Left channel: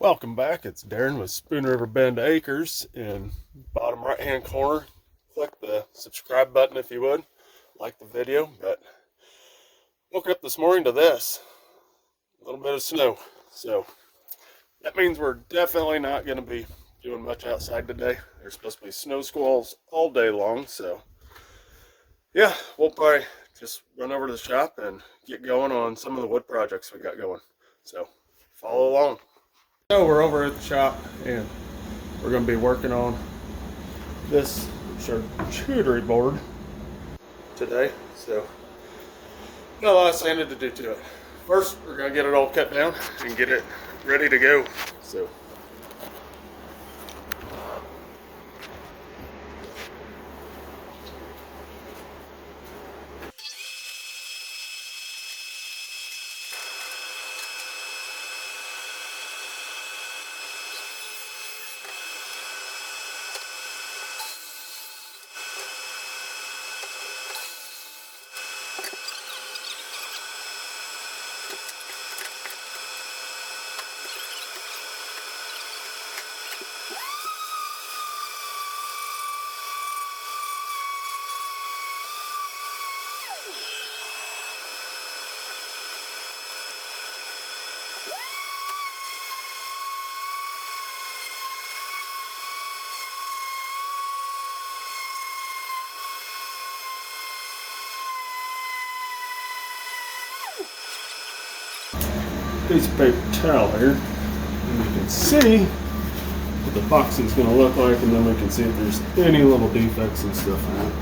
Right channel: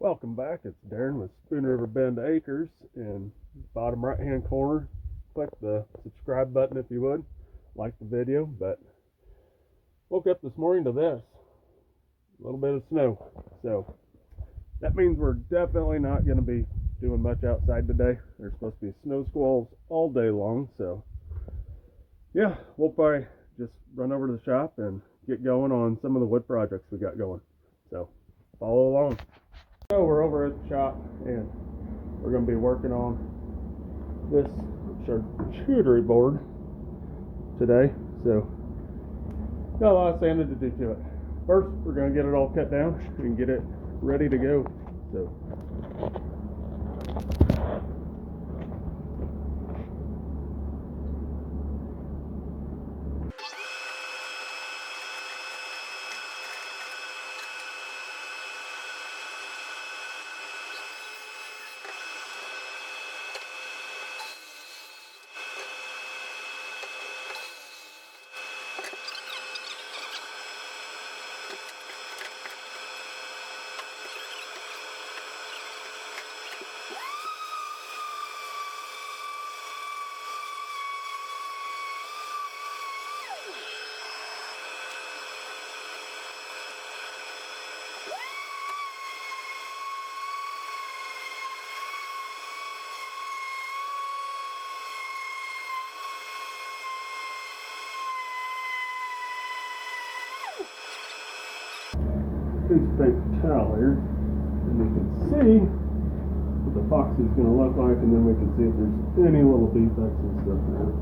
Welcome back. It's Darren with Spoon River Bend Acres. In bottom right hand corner, click the subscribe button if you would like the video. But woke up this morning to this, a little bit of snow, so that means we're definitely not going to be doing much outside today. There's supposed to be snow squalls all day long, so yeah, we'll probably just run over to the shop and get going on some of the wood projects we got going. So follow along. So we're over at the shop and we're going to be working on this charcuterie board today. So got a lot of sanding to do to it. First, we're going to get it all cut down and get it ready to go. So piece of paper towel here, and you can see what the epoxy is going to look like, and then we can see if there's any little defects and stuff in it.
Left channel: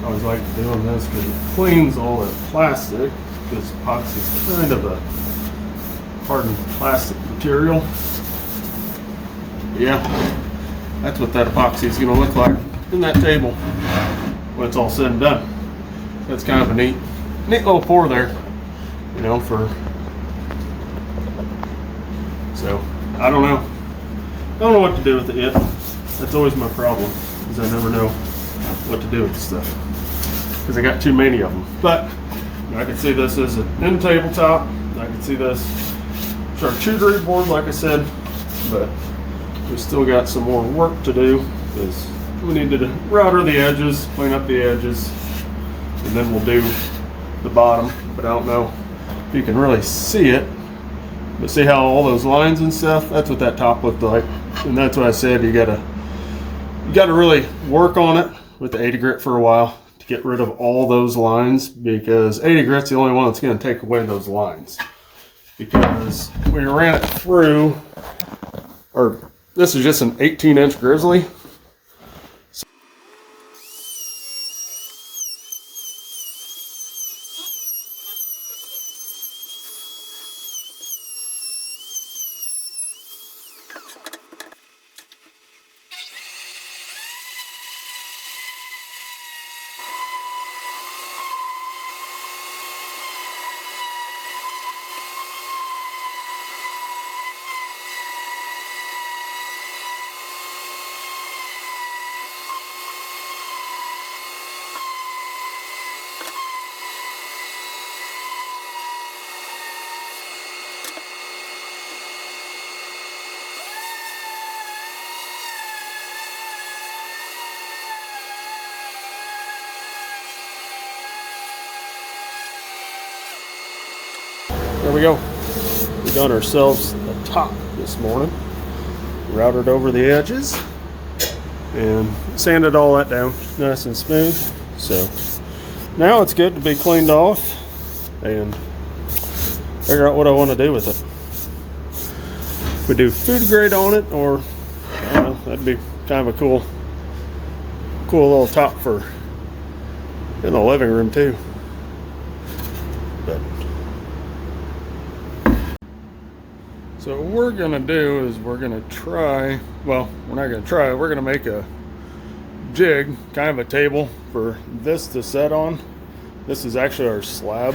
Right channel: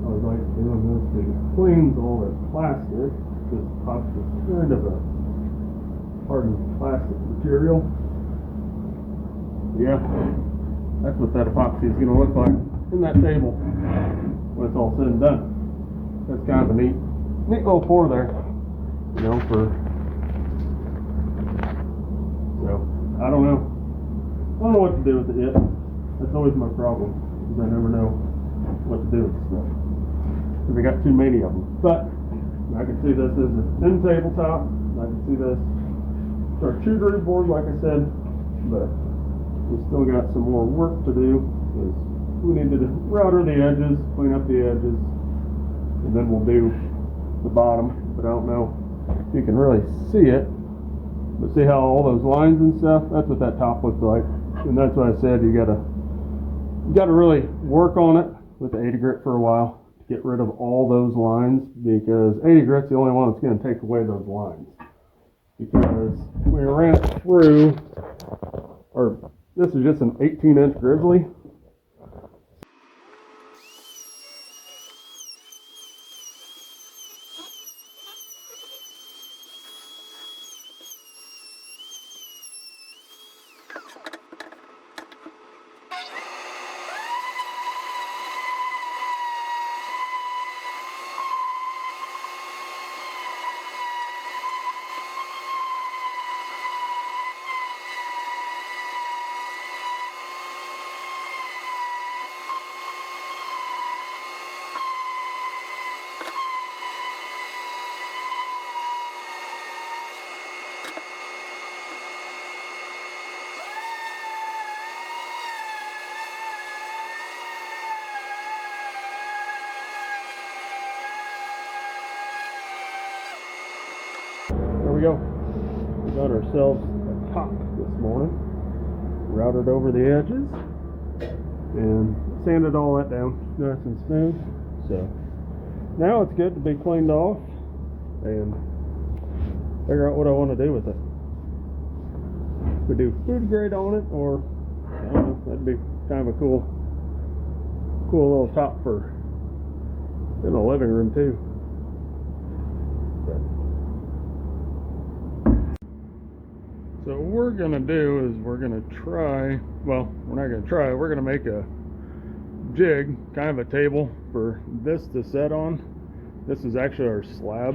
I always like doing this because it cleans all that plastic, because epoxy is kind of a hardened plastic material. Yeah, that's what that epoxy is going to look like in that table when it's all said and done. That's kind of a neat little pour there. You know, so I don't know what to do with it yet. That's always my problem, is I never know what to do with stuff because I got too many of them. But I can see this as an end tabletop. I can see this charcuterie board, like I said, but we still got some more work to do because we need to router the edges, clean up the edges, and then we'll do the bottom. But I don't know you can really see it, but see how all those lines and stuff, that's what that top looked like. And that's what I said, you gotta really work on it with the 80 grit for a while to get rid of all those lines, because 80 grit's the only one that's going to take away those lines. Because we ran it through, or this is just an 18-inch Grizzly. There we go. We got ourselves a top this morning. Routed over the edges and sanded all that down nice and smooth. So now it's good to be cleaned off and figure out what I want to do with it. If we do food grade on it, or that'd be kind of a cool little top for in the living room too. But so what we're gonna do is we're gonna try, well, we're not gonna try, we're gonna make a jig, kind of a table for this to set on. This is actually our slab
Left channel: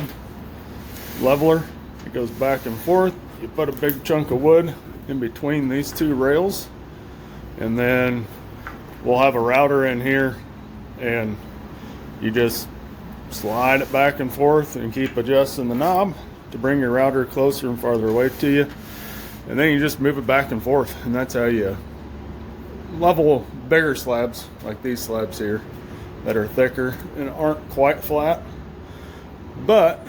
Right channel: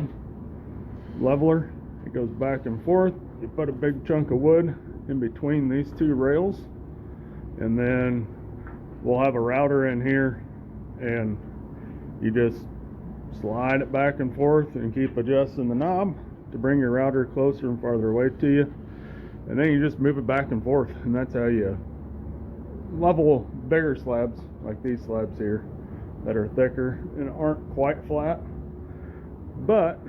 leveler. It goes back and forth. You put a big chunk of wood in between these two rails, and then we'll have a router in here, and you just slide it back and forth and keep adjusting the knob to bring your router closer and farther away to you. And then you just move it back and forth, and that's how you level bigger slabs like these slabs here that are thicker and aren't quite flat. But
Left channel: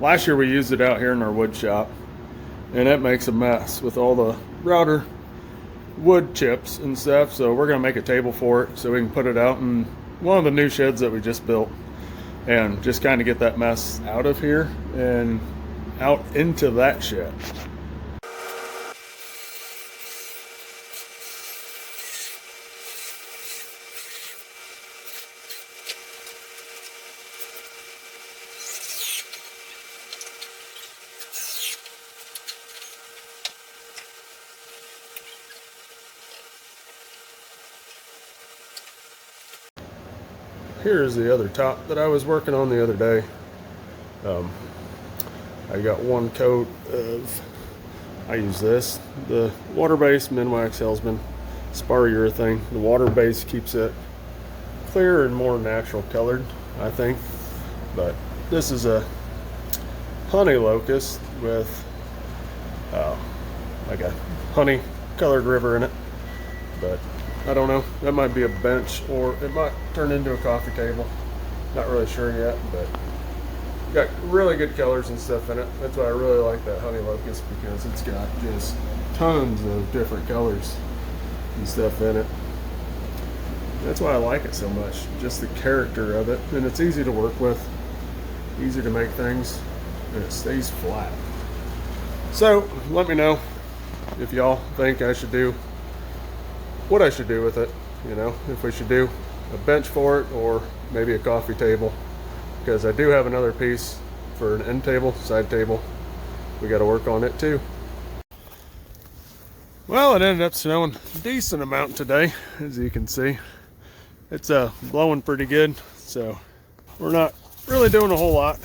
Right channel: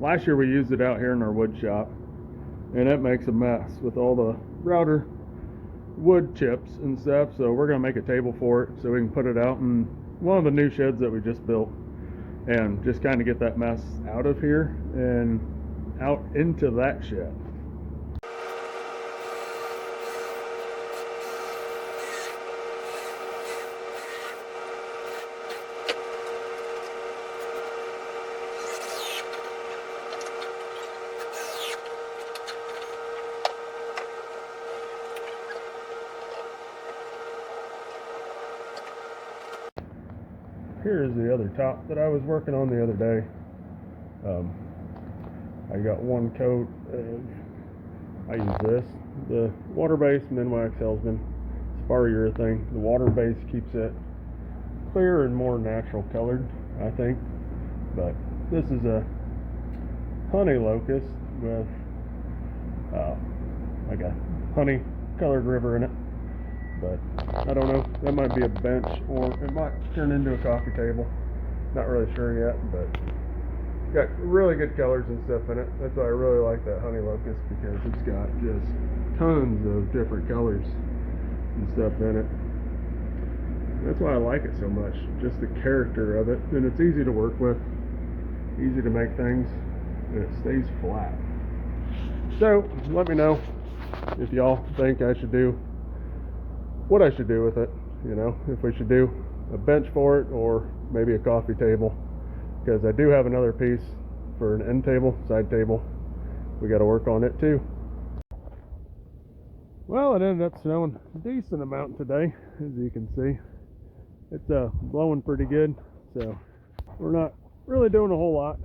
last year we used it out here in our wood shop, and it makes a mess with all the router wood chips and stuff. So we're gonna make a table for it so we can put it out in one of the new sheds that we just built, and just kind of get that mess out of here and out into that shed. Here's the other top that I was working on the other day. I got one coat of, I use this, the water-based Minwax Hellsman spar urethane. The water base keeps it clearer and more natural colored, I think. But this is a honey locust with like a honey colored river in it. But I don't know, that might be a bench or it might turn into a coffee table. Not really sure yet, but got really good colors and stuff in it. That's why I really like that honey locust, because it's got just tons of different colors and stuff in it. That's why I like it so much, just the character of it. And it's easy to work with, easy to make things, and it stays flat. So let me know if y'all think I should do what I should do with it, you know, if we should do a bench for it or maybe a coffee table, because I do have another piece for an end table, side table. We got to work on it too. Well, it ended up snowing a decent amount today, as you can see. It's blowing pretty good, so we're not really doing a whole lot.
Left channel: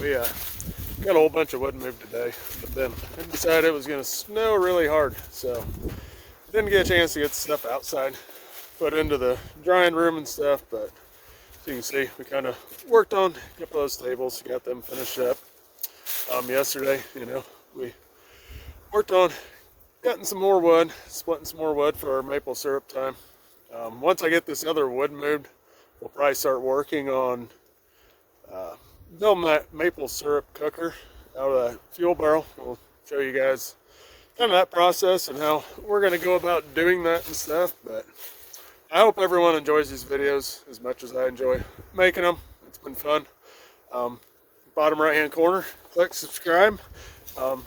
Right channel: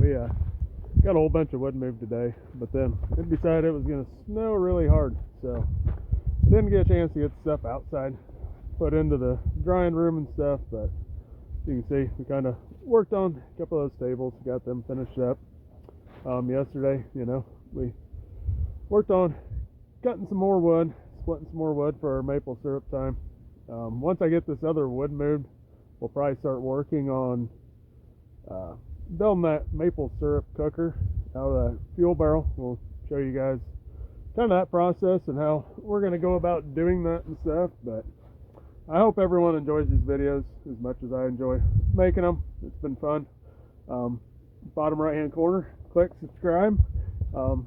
We got a whole bunch of wood moved today, but then it decided it was going to snow really hard, so didn't get a chance to get stuff outside, put into the drying room and stuff. But as you can see, we kind of worked on a couple of those tables, got them finished up yesterday. You know, we worked on cutting some more wood, splitting some more wood for our maple syrup time. Once I get this other wood moved, we'll probably start working on building that maple syrup cooker out of that fuel barrel. We'll show you guys kind of that process and how we're going to go about doing that and stuff. But I hope everyone enjoys these videos as much as I enjoy making them. It's been fun. Bottom right hand corner, click subscribe,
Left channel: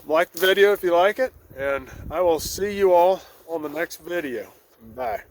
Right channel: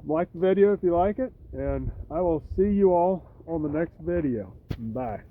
like the video if you like it, and I will see you all on the next video. Bye.